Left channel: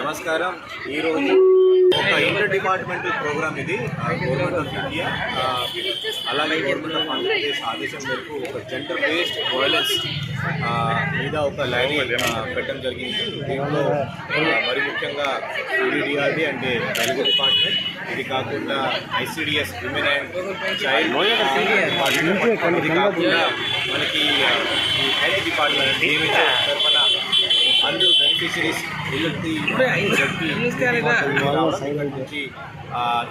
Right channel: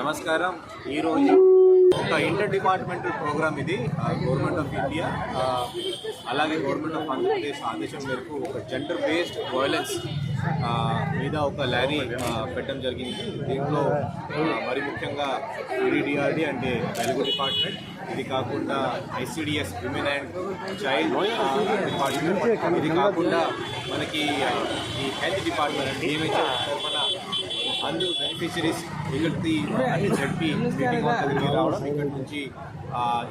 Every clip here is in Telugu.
నమస్కారం. ఈరోజు ఒక ఇంటర్ డిపార్ట్మెంటల్ ప్రోగ్రామ్ ఇది గవర్నమెంట్ ఆఫ్ ఇండియా అలాగే గవర్నమెంట్ ఆఫ్ ఆంధ్రప్రదేశ్ ఆదేశం మేరకు ఒక జెండర్ బేస్డ్ వైలెన్స్ మీద ఒక ల్యారీ పెట్టడం జరిగింది. దీంట్లో మరి ముఖ్యంగా ఈడీఆర్డీ అంటే తెలుగు డిపార్ట్మెంట్. ఇది కాకుండా ICDS women and child department ఇది కాకుండా మనకి ఈ హెల్త్ డిపార్ట్మెంట్ డిఎంహెచ్ఓ తరఫున అందరూ బెనిఫిషరీస్ రావడం నుంచి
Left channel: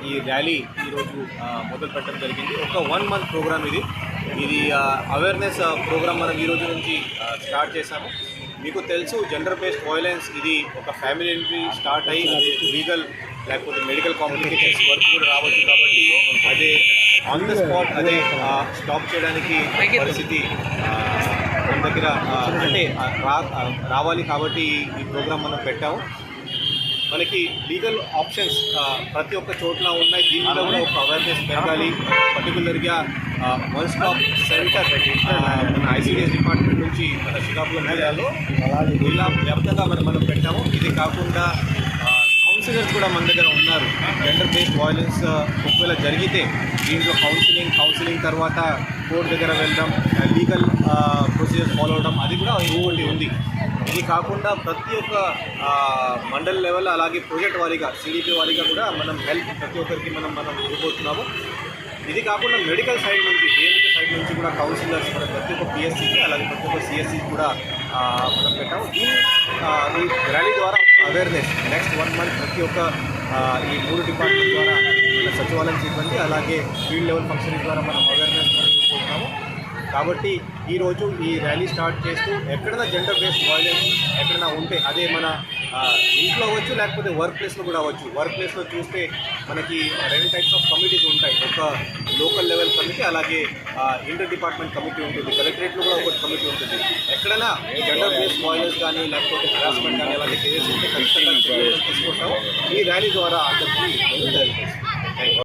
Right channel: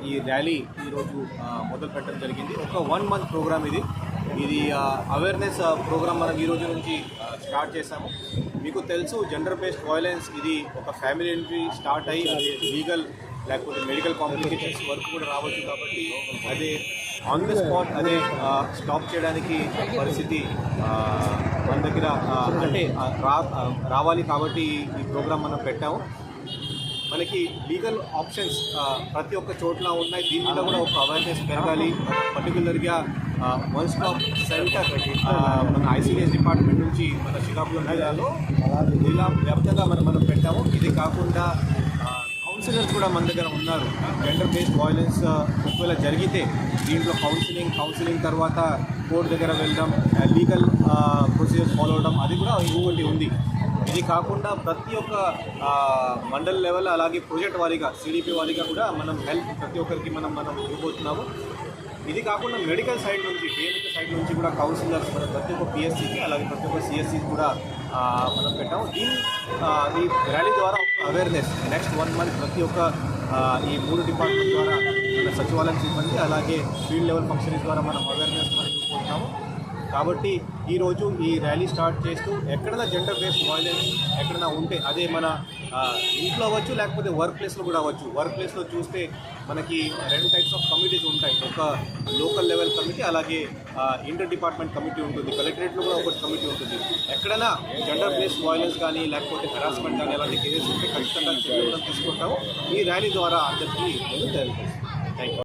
ఈ ర్యాలీ ఈరోజు మొదలు పెట్టడం జరిగింది. ఒక వన్ మంత్ ప్రోగ్రామ్ ఇది. ఇది అవేర్నెస్ ప్రోగ్రామ్ మనం ఈ రోజు నుంచి స్టార్ట్ చేశాము. మీకు తెలుసు జెండర్ బేస్డ్ వైలెన్స్ ఇది ఒక ఫ్యామిలీ నుంచి స్టార్ట్ అయ్యి లీగల్ లేకపోతే మెడికల్ కాంప్లికేషన్స్ వరకు కూడా రావచ్చు కాబట్టి అదే ఆన్ ద స్పాట్ అదే స్టాప్ చేయడానికి పరిస్థితి మన దగ్గర అంటే రావాలి కాబట్టి ఈ ప్రోగ్రామ్ మనం పెట్టాము. మనకి లీగల్ ఆప్షన్స్ ప్రతి ఒక్క చోట్ల ఉన్నాయి. దీని మీద కూడా ఒక అవేర్నెస్ పెరగాలి. పర్టికులర్గా వన్ స్టాప్ సెంటర్ మన ఐసీడీఎస్ డిపార్ట్మెంట్ నుంచి మన శ్రీకాకుళం జిల్లాలో జిల్లా వ్యాప్తంగా మనం మనం పెట్టాము. ఇది కాకుండా కౌన్సిలర్స్ కూడా మన దగ్గర ఉన్నారు. జెండర్ బేస్డ్ వైలెన్స్ ఒకవేళ జరిగితే దీంట్లో కౌన్సిలింగ్ కౌన్సిలింగ్ తర్వాత కోర్టు దగ్గర వెళ్ళడం లీగల్ ప్రొసీజర్ ఫాలో అవడం అది కూడా ఇంకోటి ఉంది. ఇది కాకుండా ప్రతి ఒక్క uh, మండల్ లెవెల్ అలాగే ప్రాజెక్ట్ వారీగా సిడిపి వారీగా కూడా మనం హెల్ప్ ప్రతి ఒక్కరికి మనం మనం ఇవ్వబోతున్నాము. ఇది కాకుండా మెడికల్ సైడ్ నుంచి పేరెంట్ సైడ్ నుంచి కూడా కౌన్సిలర్స్ మన ప్రతి ఒక్క పిఎస్సికి అలాగే ప్రతి ఒక్క సిఎస్సి కూడా uh, మనం పెట్టాము. దీని ఈ uh, ర్యాలీ ద్వారా అవేర్నెస్ నెక్స్ట్ వన్ మంత్ ప్రతి ఒక్క ఈ మూడు డిపార్ట్మెంట్ ద్వారా మన సచివాలయం సిబ్బంది అలాగే ఫీల్డ్ లెవెల్ ఫంక్షన్ ద్వారా మనం అవేర్నెస్ మనం కాబట్టి ఈరోజు ఈ ర్యాలీ స్టార్ట్ చేస్తూ ఎక్కడైనా జెండర్ బేస్డ్ వాయిలెన్స్ ఎక్కడైనా ఉంటే అదే మన ఇంట్లో అవ్వచ్చు లేకపోతే వర్క్ ప్లేస్లో కూడా అవ్వచ్చు. వర్క్ ప్లేస్లో చూస్తే మనకి రెండు టైప్స్ ఆఫ్ కమిటీస్ ఉంటాయి. ఒక లోకల్ లెవెల్ కమిటీ అలాగే ఇంటర్ డిపార్ట్మెంట్ కమిటీ ఉంటుంది. కలెక్టరేట్లో కూడా ఒకటి కమిటీ ఉంటుంది. ఎక్కడైనా జెండర్ బేస్ వైలెన్స్ కానీ లేకపోతే హెరాస్మెంట్ కానీ అలాగే చేసి ఉంటే ఖచ్చితంగా తీసుకుంటాము. ఈ ర్యాలీ ద్వారా అందరికీ తెలుస్తుంది థ్యాంక్ యూ